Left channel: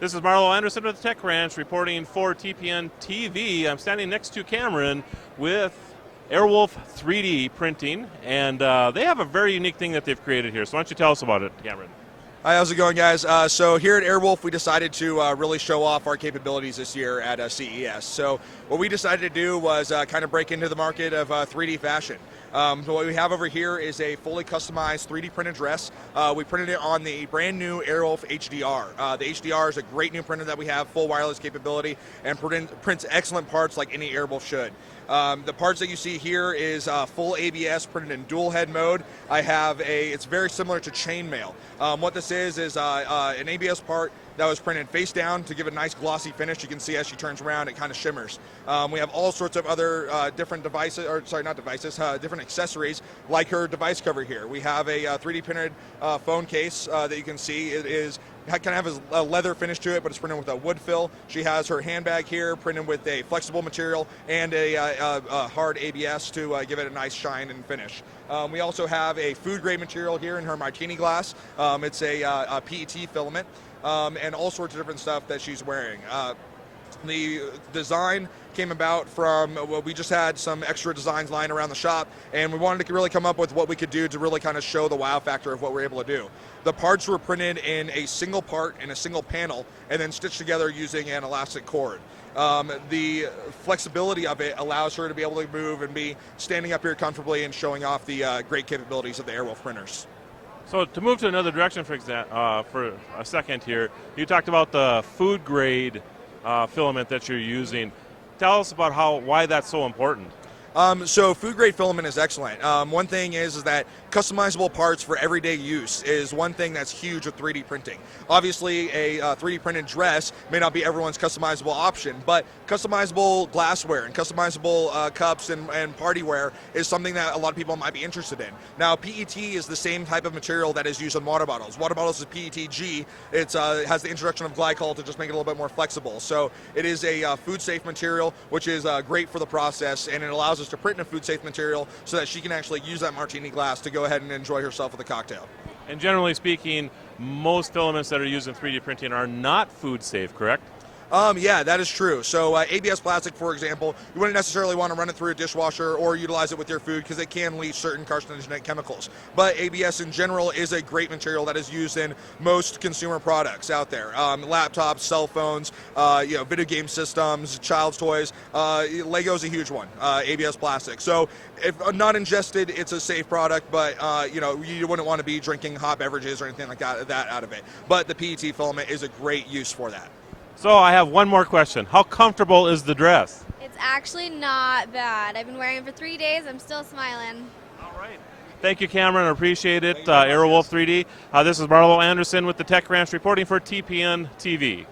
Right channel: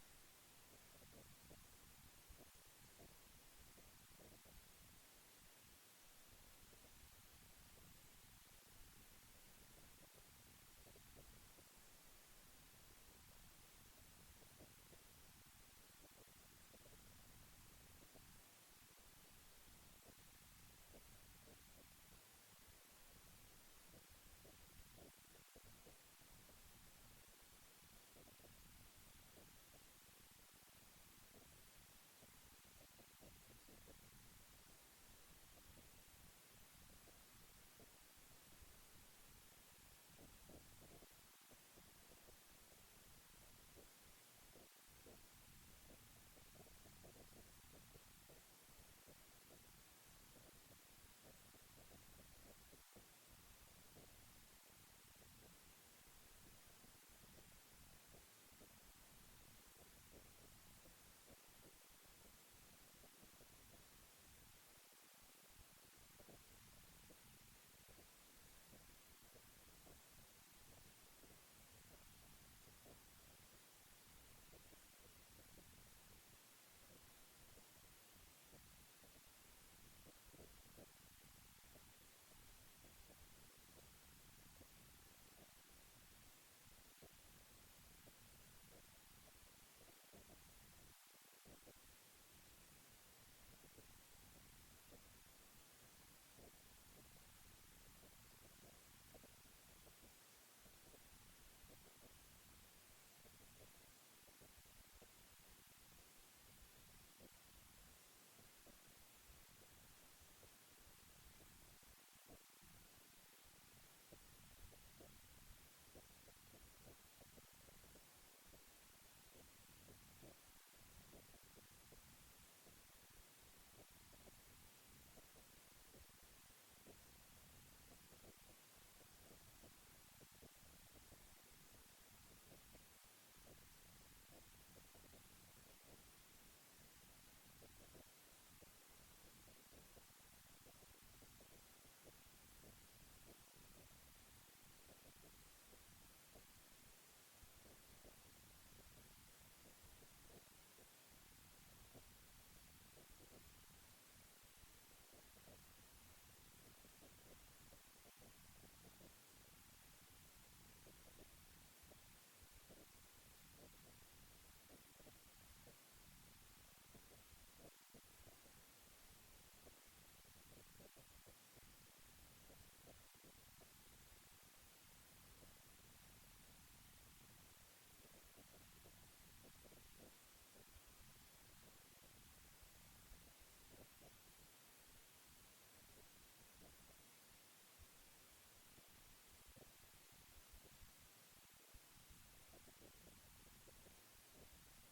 This is Marlo Anderson with the Tech Ranch reporting for TPN TV. I'm standing next to Cameron with Airwolf 3D printing, and they have a very unique thing that they've created here. So why don't you tell us about it, Cameron? Hi, how's it going, guys? So here at Airwolf, we decided to really show off our capabilities this year at CES. So what we decided to do was kind of break into the market of 3D fashion. So what we have over here is a fully customized 3D printed dress. We printed it on the brand new Airwolf HDR. The HDR is a great new printer that we have, full wireless capability, and prints excellent parts like any Airwolf should. The parts that you see here is full ABS printed in dual head mode. It's very similar to chainmail. What this is an ABS part that was printed face down to give it a nice glossy finish. You can see as she turns around, it kind of shimmers. We have all sorts of other different different accessories, like her device cover here. We have a 3D printed phone case that you can see. Kind of has a leather finish to it, but it's printed with a wood fill. She has her handbag here printed with a flexible material and a hard ABS to give it a nice shine and finish. We also have a food grade material here in her martini glass. It's a PET filament and all sorts of different stuff that she's wearing. The design came about from, well, we just had some extra designs lying around the shop, and we wanted to really come up with what we could do to really kind of show the wow factor of what we're able to do. The parts were printed in a single part in a single panel and then stitched together using an elastic cord. The flexibility of it allows her to be able to move and be standing up here comfortably and showing off the great capabilities of the Airwolf printers. So to move to another direction for a second here, you talked about the food grade filament that you're using. Tell us about why that's so important. So food grade filament is excellent. One thing is that customizable parts for everyday use is one thing that's huge with 3D printing. Obviously, a 3D printed dress may not be everyone's customizable option, but customizable glassware and customizable cups and party wear is something that a lot of people might be interested in. Now, PET is the same type of material that is used in water bottles. Water bottles is PETG. It has the introduction of glycol to just make it a little bit more flexible. So it is a food-safe material, which is great for the process, and it allows us to print in a food-safe material so that she can actually use that martini glass to go ahead and enjoy herself with a cocktail. And generally speaking, most filaments that are used in 3D printing are not food safe, correct? Yeah, that is true. So ABS plastic, for example, you wouldn't necessarily want to run it through a dishwasher or utilize it with your food because it can leach certain carcinogenic chemicals. But ABS in general is a great material that is used in most consumer products out there. Laptops, cell phones, video game systems, child's toys. Lego's a huge one, ABS plastic. So if not ingested, it's a safe product, but you wouldn't want to be drinking hot beverages or anything like that out of it. But the PET filament is a great use for that. So I have one more question. How comfortable is the dress? It's actually not bad. I've been wearing it for 3 days. I'm still smiling. All right. Thank you, Cameron. I appreciate it. Airwolf 3D. This is Marlo Anderson with the Tech Ranch reporting for TPN TV.